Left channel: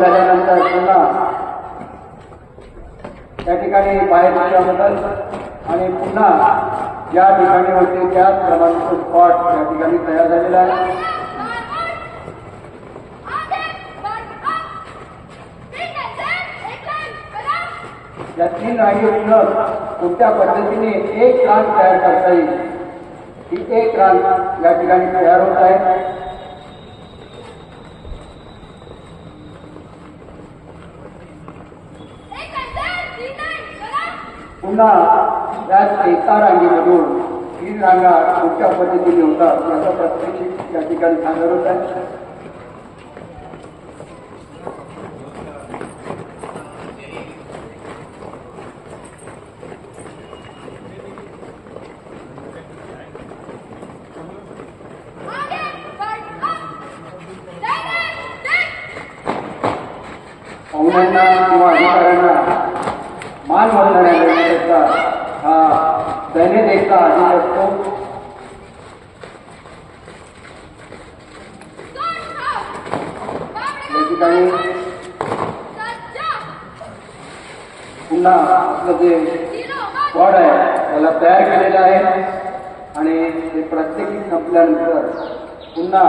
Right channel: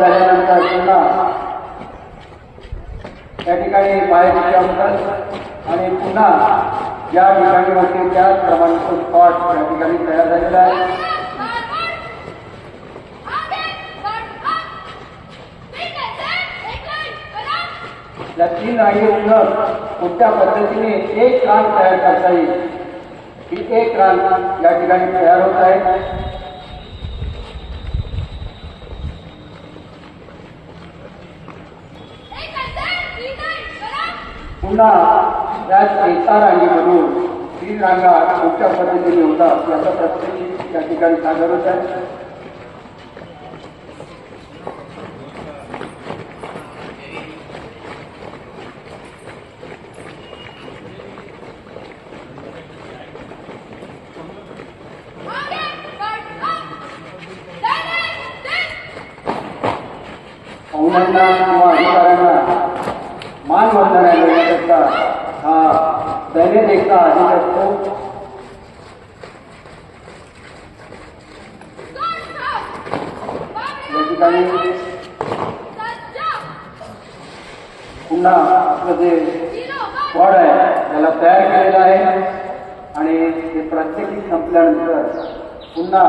झाल्यानंतर पुन्हा त्या ठिकाणी बाहेर आणि पुन्हा ज्या ठिकाणी होते त्याचप्रमाणे स्पॉट त्या ठिकाणी तयार झालेला आहे. या 3 रांगेवर कोणत्या पद्धतीने एक रांग तयार करता येईल ही एक रांग या ठिकाणी तयार होत आहे. पुन्हा त्याच एका रांगेमधून 3 रांगा कोणत्या पद्धतीने होतात याचा प्रत्येक या ठिकाणी सादर होत आहे. पाहुण्यांना किंवा अधिकाऱ्यांना मान वंदना हा दैनिक एकता आधी असतो. या ठिकाणी पुन्हा आपलं जे स्क्वॉड आहे त्याला तयार केलेलं आहे आणि ते प्रत्येकी संपल्यानंतर पुन्हा